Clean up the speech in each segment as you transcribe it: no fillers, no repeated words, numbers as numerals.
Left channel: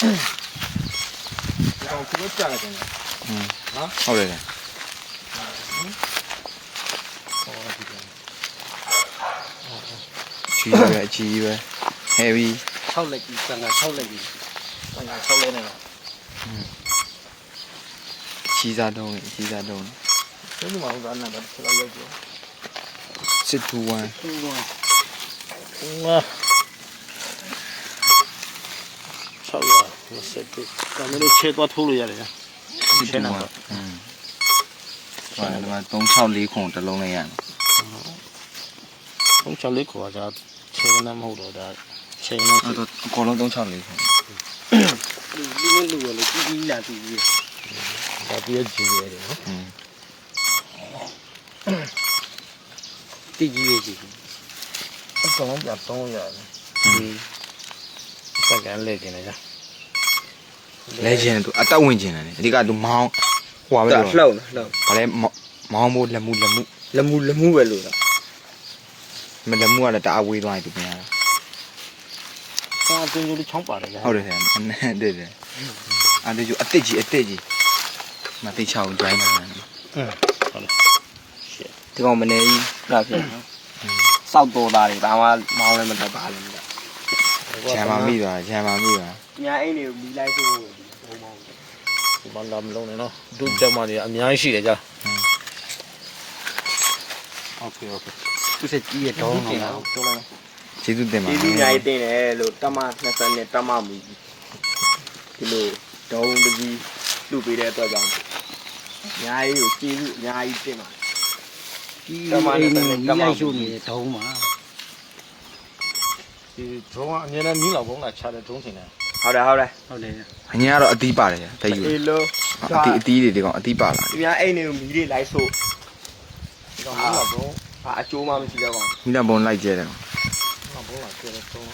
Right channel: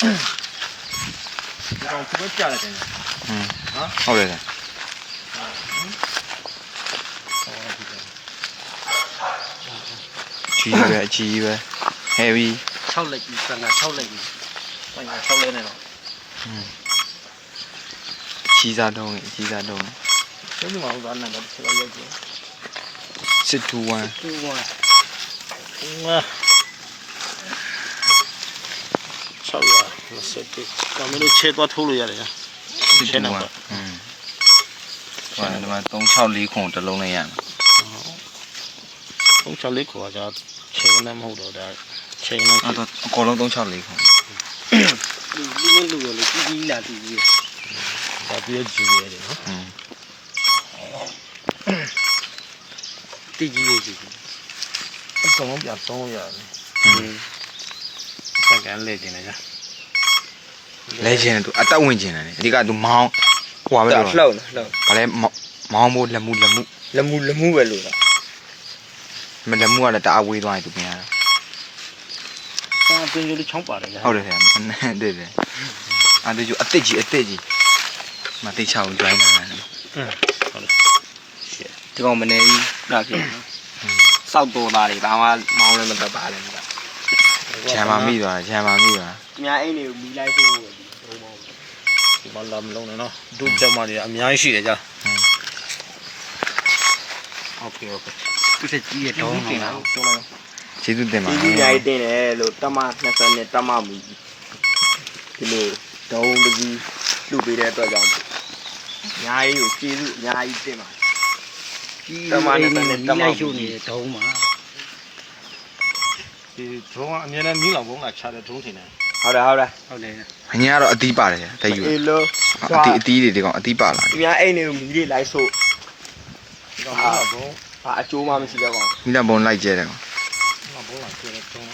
ကောင်ခုပဲကြားရတယ်နော်ဟုတ်တယ်ကြီးပဲ heavy 6လက်ကြီးဆန်က6လက်ကြီး6လက်နဲ့တော့ကြီးစားတုံးကြီးစားတုံး ဒီမှာဟိုကနံပါတ်6လောက်ရောက်ပြီစစ်တူဝမ်ငါ6ရဆက်ပြီကမလို့ချဲသွားထိုးလို့ရတယ်လားစစ်တူဝမ်ဟွန်းဒီမှာ364ခုတစ်လုံးနဲ့ရမယ်364ခေါ်ကြချဲကနေမဟုတ်တော့ဒါချဲကနေအဲ့တော့အကုန်လုံး364ခုလူလူရောလေကြီးလာတူကြီးဒါပြည့်ကြည့်ရတယ်နော်တိကြီးရဲ့ကြီးအကောင်ပြ3ရတယ်စကန်လဲကျင်တယ်ကြာလဲကျင်သူအတက်ဝင်ကျင်တယ်အဓိကသူမောင်းဟွာပဲလို့လှုပ်ဘာလဲမောင်းဖို့လက်မှုပဲလို့မလက်မှုကလည်းတအားဝေးသွားရင်သူပြင်ရတာစာတွင်းလေးချောင်းပါတယ်ကြာဟုတ်တယ်ဆရာတဲ့အဲ့ဒါကျအစ်စ်ကြီးမသိချအောင် join နေတာဟုတ်တယ်ဒီကောင်မနေကြီးဒါဖြစ်စောက်တော်သားတွေဘာမှမောင်းလည်းမတက်ပါလည်းမတက်ဂျမ်မာမိသွားအများအိမ်တွေကိုမီလိုက်ဖို့ဒီမှာလာမလုံးနဲ့နော်ဒုကျမတွေအများကြီးရှိတယ်ကြာโอเคသူစကြီးရတော့ဟုတ်လားတော်လားကျေးဇူးတင်ပါတယ်ဒီနိုင်တင်တယ်လို့တမ20နဲ့တမမူဒီလိုဒုံတကြီးလူပေးတဲ့အတွက်ကြောင့်အများကြီးကိုကျေးဇူးအများကြီးတင်ပါတမနဲ့တမရှုနေဒုံးမှာဒီဒုံးကအမြဲတမ်းမြင်းလောက်ဘုံလာချတဲ့ဒုံးထင်တယ်ဟုတ်တယ်အညာကတော့အသီးပါတယ်တဲ့ယူအသီးတွေဒီကောင်အသီးပါလာဒီများအိမ်တွေကိုမီးတွေလိုက်ဆို့ဒီကောင်မြင်းလောက်ဘုံအကျိုးမှမရှိတော့ပါဘူးမိသားဘုံလိုက်ကျဲတယ်ကောင်ဘုံလာကျဲတဲ့ဒုံး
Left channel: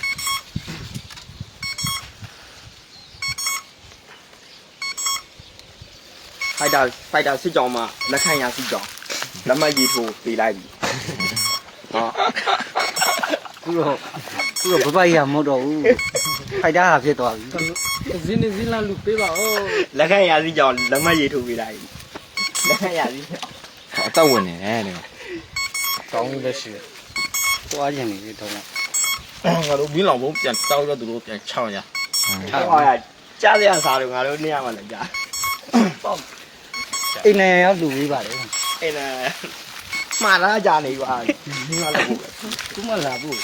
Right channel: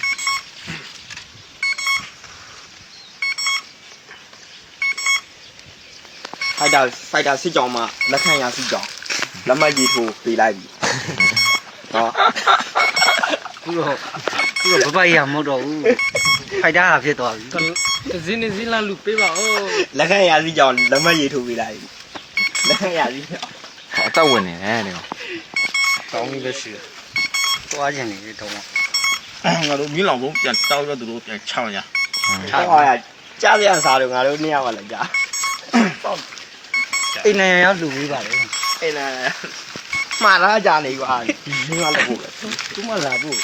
စိုက်တာစစ်ကြောင်မှာလက်ခံရစစ်ကြောင်လက်မကြီးထိုးပေးလိုက်ပြီဟောခုတော့ဘဘကြီးမဟုတ်တော့ဘူးဖိုက်တာဟာဖြစ်သွားပြီဇင်းနေဇင်းလာလူပေးပါဦးလက်ခံရစစ်ကြောင်လက်မကြီးထိုးပေးလိုက်ပြီလက်ခံရစစ်ကြောင်အတော့ဝင်နေတယ်ဒီကောင်းကြီးပဲရှိတယ်သွားကျင်နေတယ်တော့ငါတို့မင်းလောင်ဘုံပြန်တောက်တော့သူတို့ပြန်ချောင်းရဟောရကြားရစားလို့ငါတို့နေရပါလားကြားပေါ့အိမ်နိုင်ရောက်လူပေးပါလေအိမ်နိုင်မှားလာကြနေကွာဒီမှာလာဖို့